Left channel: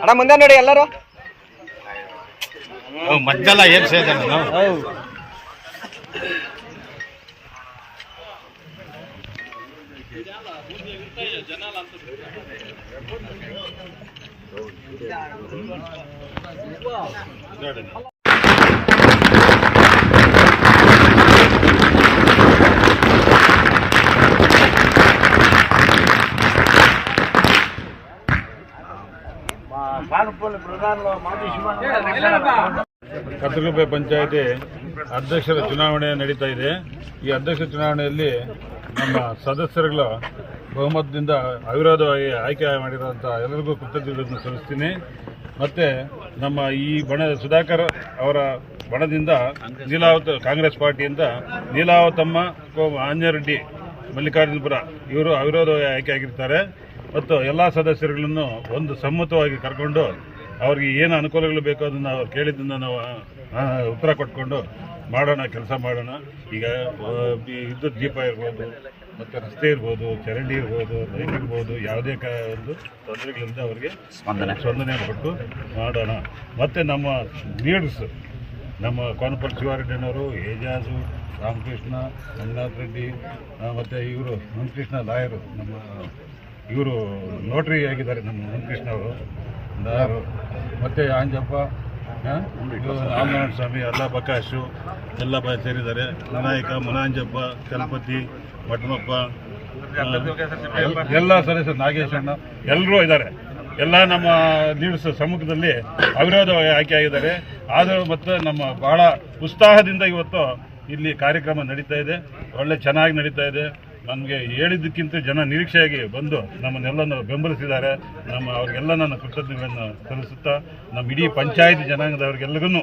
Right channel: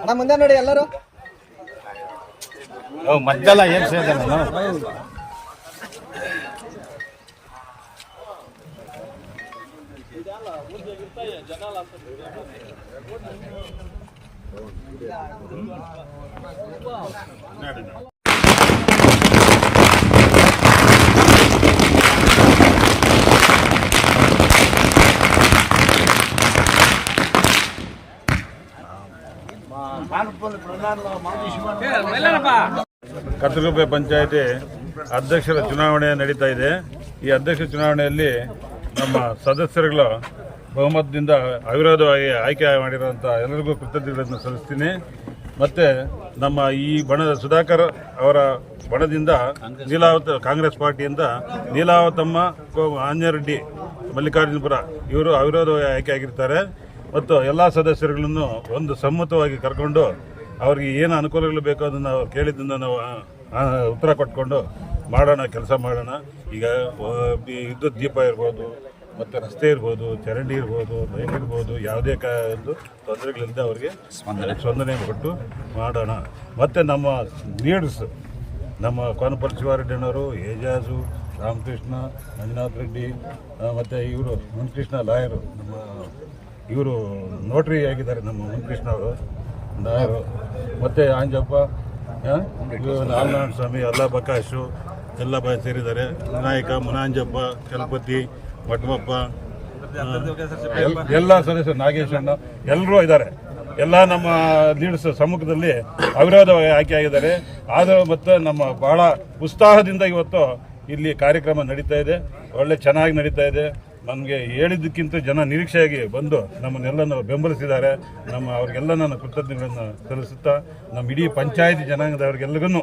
ಅಣ್ಣ ಮುಂದೆ ನೋಡಿ ಎಲ್ಲರೂ ಮದ್ದೆಲ್ಲ ಏನು ಸೇರಿದೆ ನಾನು ಕರ್ತಗುಪ್ಪೆ ಪಂಚಾಯಿತಿ ಅಧ್ಯಕ್ಷರ ಚುನಾವಣೆ ನಡೀತಾ ಇದೆ. ಈ ಅಧ್ಯಕ್ಷ ಚುನಾವಣೆಯಲ್ಲಿ ನಮ್ಮ ಸದಸ್ಯರುಗಳ ಬಹುಮತದಿಂದ ಅವಿರೋಧವಾಗಿ ಆಯ್ಕೆ ಮಾಡಿರುವಂಥ ಎಲ್ಲರಿಗೂ ಕೃತಜ್ಞತೆಗಳನ್ನು ಸಲ್ಲಿಸ್ತೀನಿ. ಮತ್ತು ನಮ್ಮ ಈ ಬಣದ ಸುಧಾಕರ್ ಅವರ ಬಣದಿಂದ ಕಾಂಗ್ರೆಸ್ ಪಾರ್ಟಿಯಿಂದ ನೀಲಾವತಮ್ಮ ಆಂಜರೆಡ್ಡಿ ಮಲ್ಲಿಕಾರ್ಜುನಪುರ ಇವರು ಅವಿರೋಧವಾಗಿ ಆಯ್ಕೆ ಆಗಿರ್ತಾರೆ. ಮತ್ತು ಎಲ್ಲ ಸದಸ್ಯರುಗಳನ್ನು ಒಂದು ಸಮ್ಮತವಾಗಿ ಕರ್ಕೊಂಡು ಅವ್ರಿಗೆ ಏನು ಅನುಕೂಲಗಳು ಬೇಕೋ ಅದನ್ನು ಅವ್ರು ಕೇಳಿದ್ದನ್ನು ನಾವು ಉತ್ತರ ಕೊಟ್ಕೊಂಡು ಕೆಲಸ ಮಾಡೋಣ. ಈಗ ವಿದ್ಯುತ್ ದೀಪ ಇರ್ಬೋದು, ಮತ್ತು ರಸ್ತೆ ಇರ್ಬೋದು, ಚರಂಡಿ ಇರ್ಬೋದು, ಲೈಟ್ ಇರ್ಬೋದು, ಯಾವುದೇ ಒಂದು ತೊಂದರೆಗಳಿಂದ ಅವರಿಗೆ ಸ್ಪಂದನೆ ಕೊಟ್ಟು ಮಾಡೋಣ. ಮತ್ತು ನಮ್ಮ ಲೀಡರ್ಸು ನಮ್ಮ ಕೋನಪಲ್ಲಿ ಶಿವಾರೆಡ್ಡಿಯವರು, ಏಜಾಜು, ರಾಮಕೃಷ್ಣ, ಮಂಜುನಾಥ್ ರೆಡ್ಡಿ, ಮತ್ತು ಇವರು ಮಂಕೃಷ್ಣ ಲಾಯರು, ಇವರು ನೋಟ್ರಿ ಆಗಿದ್ದಾರೆ ನಮ್ಮ ಮಂಕೃಷ್ಣ ಅವರು, ಮತ್ತು ಆಂಜಪ್ಪ, ನಾಲ್ನಾರಾಯಣ ಸ್ವಾಮಿ, ಅಲ್ಲ ಬಕಾಶು ಎಲ್ಲ ಸೇರಿದ್ದಾರೆ. ವಿನಾಯಕ, ಮುನಾಂಜಪ್ಪ, ಚಲಪತಿ, ಮಠಮಪ್ಪ, ಎಲ್ಲ ಸದಸ್ಯರು, ನಾಗೇಶಣ್ಣ ಎಲ್ಲರೂ ಇದ್ದಾರೆ. ಎಲ್ಲ ನಮ್ಮ ಲೀಡರ್ಸ್ ಸಮ್ಮುಖದಲ್ಲಿ ಅವಿರೋಧವಾಗಿ ಆಯ್ಕೆ ಆಗಿದ್ದಾರೆ. ಆದರೂ ಮತ್ತು ನಮ್ಮ ಬಹಳ ಉತ್ಸಾಹದಿಂದ ಇವತ್ತು ಇಲ್ಲಿ ಕಾರ್ಯಕ್ರಮ ನಡೀತಾ ಇದೆ. ಒಳ್ಳೆ ಚೆನ್ನಾಗಿ ನಡೀತಾ ಇದೆ. ನಮಗೆ ಹೇಳಿದ್ದಕ್ಕಿಂತ ಜನ ನಿರೀಕ್ಷೆಯಾಗಿ ಬಂದು ನಮ್ಮನ್ನೆಲ್ಲನೂ ಬೆಂಬಲಿಸಿದ್ದಾರೆ. ಅವ್ರಿಗೆಲ್ಲ ನಾನು ಕೃತಜ್ಞತೆಗಳನ್ನು ಸಲ್ಲಿಸುತ್ತಾ ನಮ್ಮ ಇಡೀ ಪಂಚಾಯತಿ ಜನಾಂಗದವ್ರಿಗೆಲ್ಲರಿಗೂ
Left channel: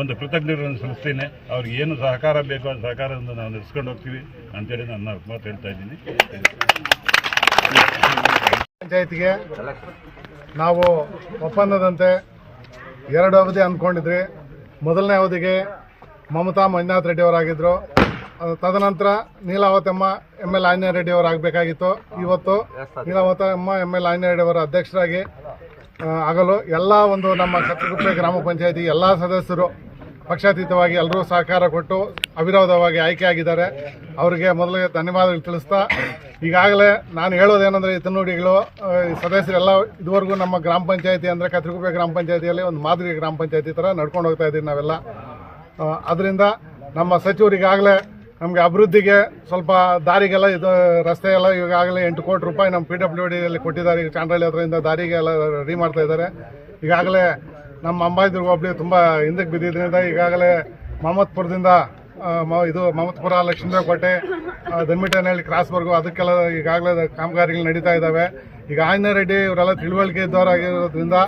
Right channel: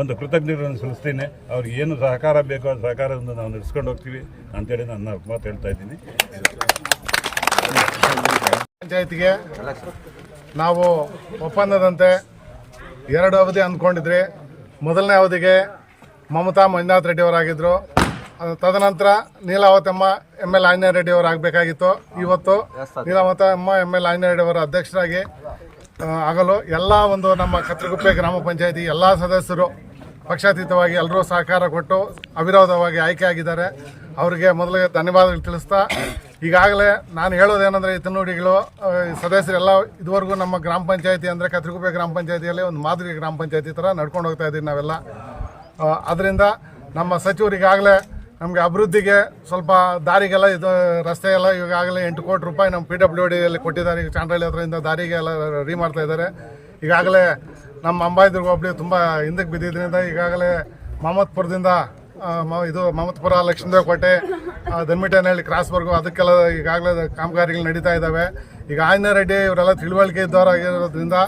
ಒಂದು ಕೃತಜ್ಞತೆಗಳನ್ನು ಸಲ್ಲಿಸ್ತೀನಿ. ಅವ್ರಿಗೆ ಏನು ಸಹಕಾರ ಬೇಕೋ ಆ ಸಹಕಾರದಿಂದ ನಾವು ನಡೆಸ್ಕೊಂಡು ಹೋಗ್ತೀವಿ ಅಂತೇಳಿ ನಾನು ಮಾತು ಹೇಳ್ತಾ ಇದ್ದೀನಿ. ಪಂಚಾಯತಿಗೆ ನಾವು ಒಪ್ಪಂದದಂತೆ 2 ಅವಧಿ ಅಂದ್ಕೊಂಡಿದ್ರಿ. ಮೊದಲನೇ ಅವಧಿಗೆ ಮಮತಾ ಮಂಜುನಾಥ್ ರೆಡ್ಡಿ ಅವರಾಗಿದ್ದರು. ತದನಂತರ ನೀಲಾವತಮ್ಮ ML ಆಂಜನೇಯ ರೆಡ್ಡಿ ಅವರು ಆಗಬೇಕಾಗಿತ್ತು. ಇವತ್ತು ನೀಲಾವತಮ್ಮ ML ಆಂಜನೇಯ ರೆಡ್ಡಿ ಅವರ ಅಧ್ಯಕ್ಷರಾಗಿ ಆಗಲು ಎಲ್ಲ ಒಂದು ನಮ್ಮ ಕತ್ತಲಗುಪ್ಪೆ ಗ್ರಾಮ ಪಂಚಾಯತಿ ಎಲ್ಲ ಸದಸ್ಯರು ಪಕ್ಷಾತೀತವಾಗಿ ಎಲ್ಲರೂ ಸಹಕಾರ ಕೊಟ್ಟು ಅವಿರೋಧವಾಗಿ ಆಯ್ಕೆ ಆಗಿದ್ದಾರೆ. ಅವರಿಗೆ ಮೊದಲಿಗೆ ಧನ್ಯವಾದಗಳು ತಿಳಿಸ್ತಾ, ಈಗಾಗಲೇ ನಾನು ಹೇಳೋದೇನೆಂದರೆ ಹಿತನುಡಿಗಳು ಸದಸ್ಯರೆಲ್ಲ ಇದುವರೆಗೂ ನಮ್ಮ ಗ್ರಾಮ ಪಂಚಾಯತಿ ಅಂದರೆ ಕತ್ತಲಗುಪ್ಪೆ ಗ್ರಾಮ ಪಂಚಾಯತಿಯಲ್ಲಿ ಒಂದು ಮಾದರಿ ಗ್ರಾಮ ಪಂಚಾಯತಿ ಥರ ನಡ್ಕೊಂಡು ಹೋಗ್ತಾ ಇದ್ದೀವಿ ನಾವೆಲ್ಲ. ಅದರಿಂದ ನಮ್ಮ ಸಚಿವರಿಗಾಗಲೇ ನಮಗೆ ಅಭಿವೃದ್ಧಿಗೆ ಸ್ವಲ್ಪ ದಾರಿಗೆಲ್ಲ ಇದು ರಸ್ತೆ ಎಲ್ಲ ಈಗಾಗಲೇ 8 ಕೋಟಿ ರೂಪಾಯಿ ನಮ್ಮ PWDಯಲ್ಲಿ ಕೊಟ್ಟಿದ್ದಾರೆ. ಈಗ ಚಾಂಡ್ರಳ್ಳಿ ಹತ್ರದಿಂದ ದಾರಿಗೆ ಎಲ್ಲ ರೆಡಿ ಮಾಡ್ತಾ ಇದ್ದಾರೆ. ಈಗಾಗಲೇ ನಮ್ಮ ಅಂಬಾಯಿದುರ್ಗ ಹೋಬಳಿ ತುಂಬ ಹಿಂದಕ್ಕೆ ಬಿದ್ದಿದ್ದರಿಂದ ಈಗಾಗಲೇ ಮಹಮ್ಮದ್ಪುರದಿಂದ ಮಹಮ್ಮದ್ಪುರ, ಲಕ್ಷ್ಮೀದೇವಕೋಟೆ, ದನ್ಮಿಟೇನಹಳ್ಳಿ ಕ್ರಾಸ್ವರೆಗೂ ಅದಕ್ಕೆಲ್ಲ ಈಗಾಗಲೇ ಕಾಮಗಾರಿಗಳು ನಡೀತಾ ಇದ್ದಾವೆ. ಈಗ ಆಂಜನೇಯ ರೆಡ್ಡಿ ಇವರೆಲ್ಲ ತಿಳುವಳಿಕೆ ಇದ್ದವರಾಗಿರೋದ್ರಿಂದ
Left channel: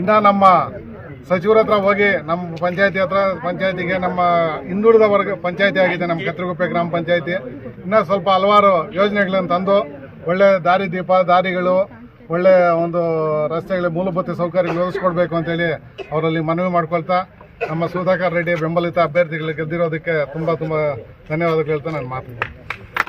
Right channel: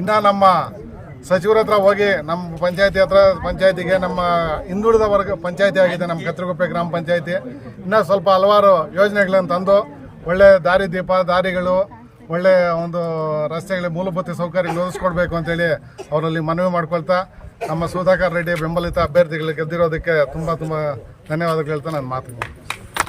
ಇನ್ನೂ ನಮ್ಮ ಸಚಿವರ ಹತ್ರ ಹೋಗಿ ನಮ್ಮ ಪಂಚಾಯತಿಗೆ ನಮ್ಮ ಹಿಂದುಳಿದ ವರ್ಗ ಪಂಚಾಯತಿ ಆಗಿದೆ ನಮ್ಮ ಕತ್ತಲಗುಪ್ಪೆ ಗ್ರಾಮ ಪಂಚಾಯತಿ. ಇನ್ನೂ ಸ್ವಲ್ಪ ಹಲವಾರು ಯೋಜನೆಗಳನ್ನು ತಂದು ಒಳ್ಳೆ ದಾರಿಗಳು, ಒಳ್ಳೆ ಒಂದು ರಸ್ತೆಗಳ ಮೂಲಭೂತ ಸೌಕರ್ಯ ಒದಗಿಸ್ಕೊಡ್ಬೇಕು ಅಂತೇಳಿ ಅವರಲ್ಲಿ ಮನವಿ ಮಾಡ್ಕೊಳ್ತಾ ನಮ್ಮ ಸುಧಾಕರ್ ರೆಡ್ಡಿ ಬೆಂಬಲಿತ ಅಭ್ಯರ್ಥಿಗಳಿಗೆ ಗೆದ್ದಿರೋದಕ್ಕೆ ತುಂಬ ಧನ್ಯವಾದಗಳು ಹೇಳ್ತಾ ನಾನು ಮಾತು